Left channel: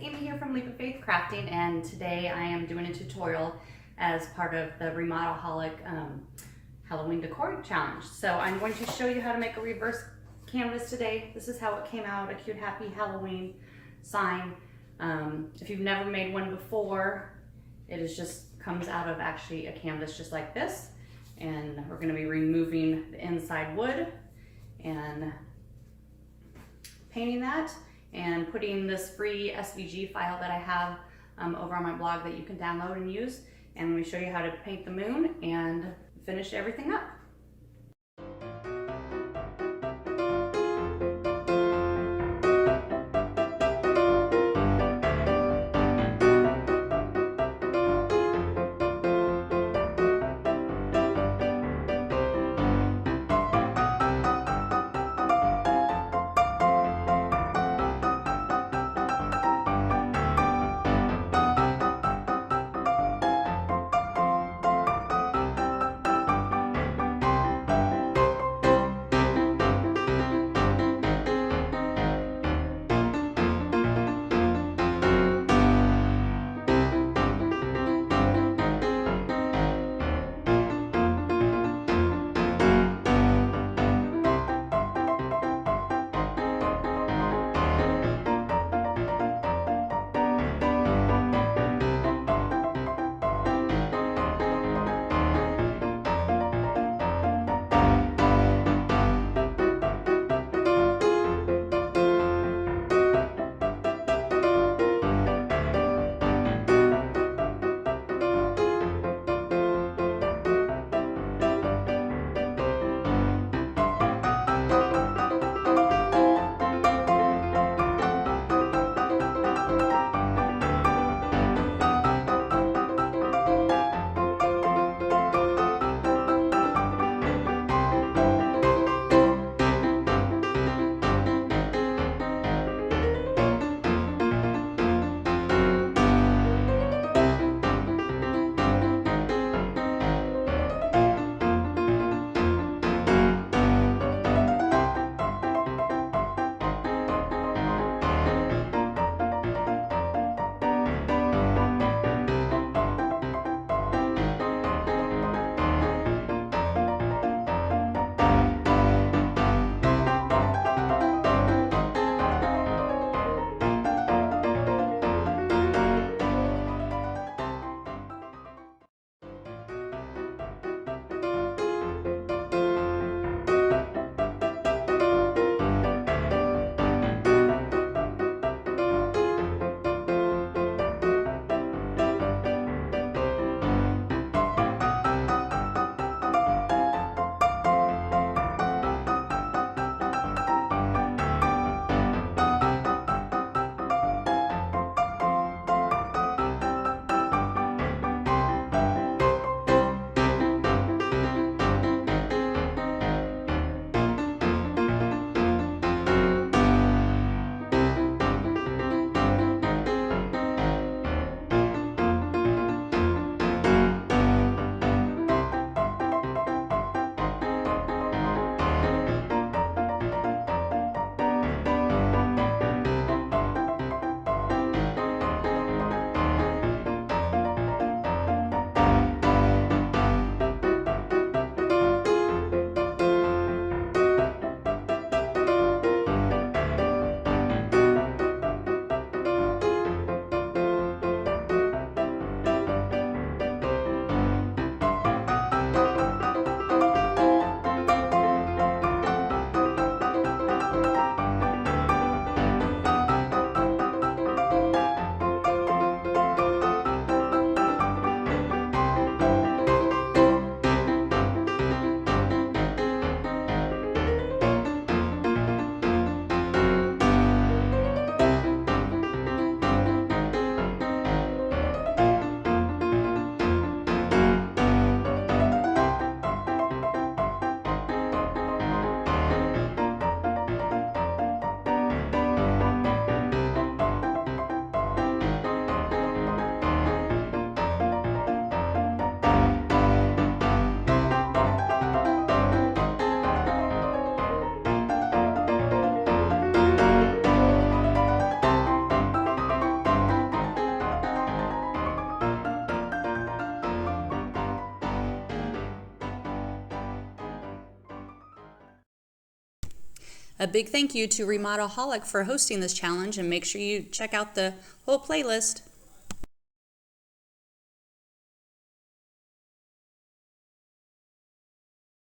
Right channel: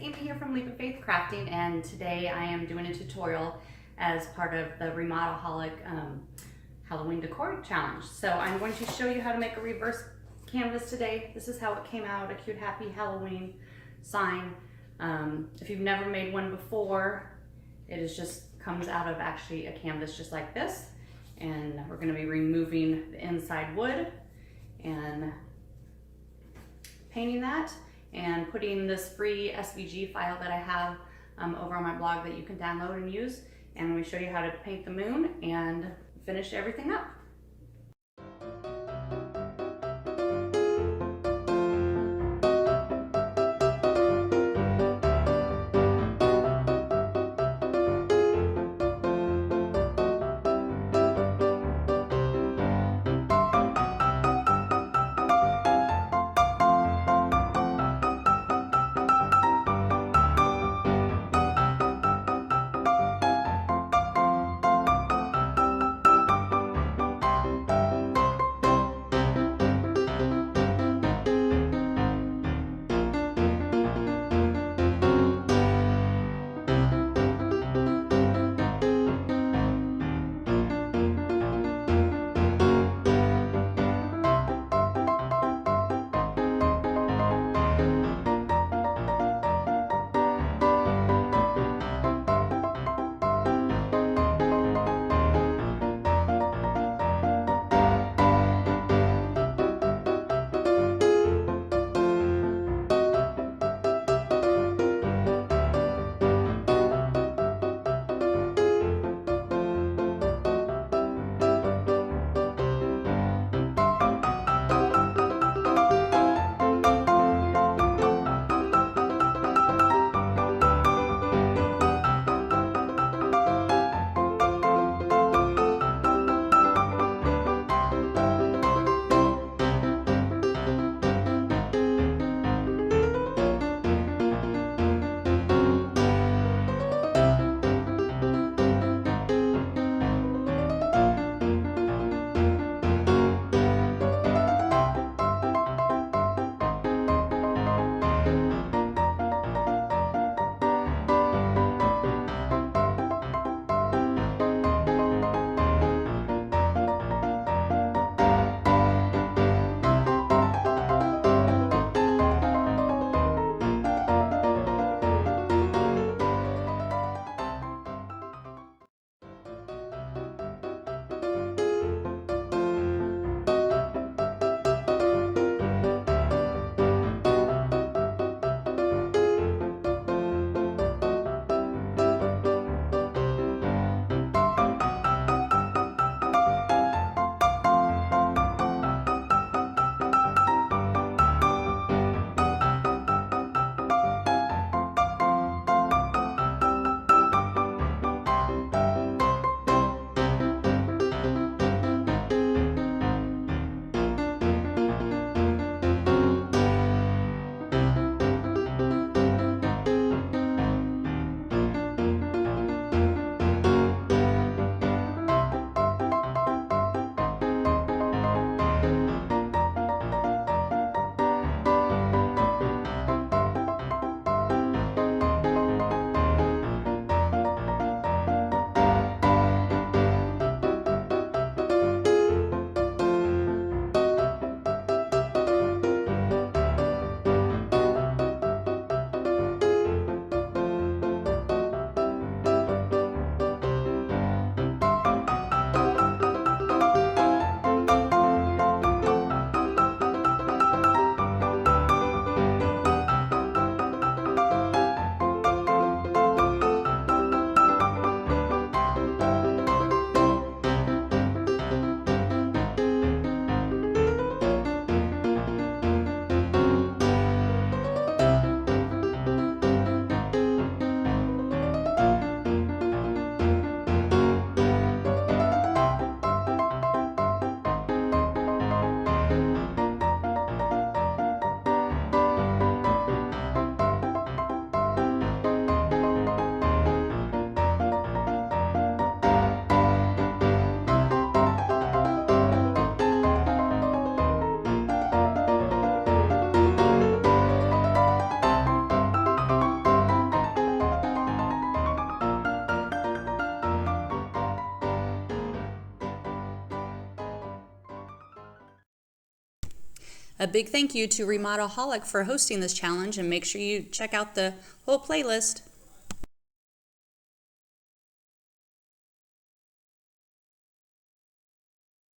Amy here from Leap of Faith Crafting, and today I am doing a tutorial as part of the Remodelholic Halloween Decor Challenge. So I'm going to show you how to make a reverse canvas today. This is how it came out, a cute happy Halloween sign. If you've never made one before, it is just comes out of actually a canvas just like this, and we're going to be removing the inside wood and painting that and putting this free SVG file that I have over on my blog that you can download and use, and we show you how to paint the moon and finish everything up. A big thank you to Remodelholic for hosting this challenge, and make sure you check out the whole playlist.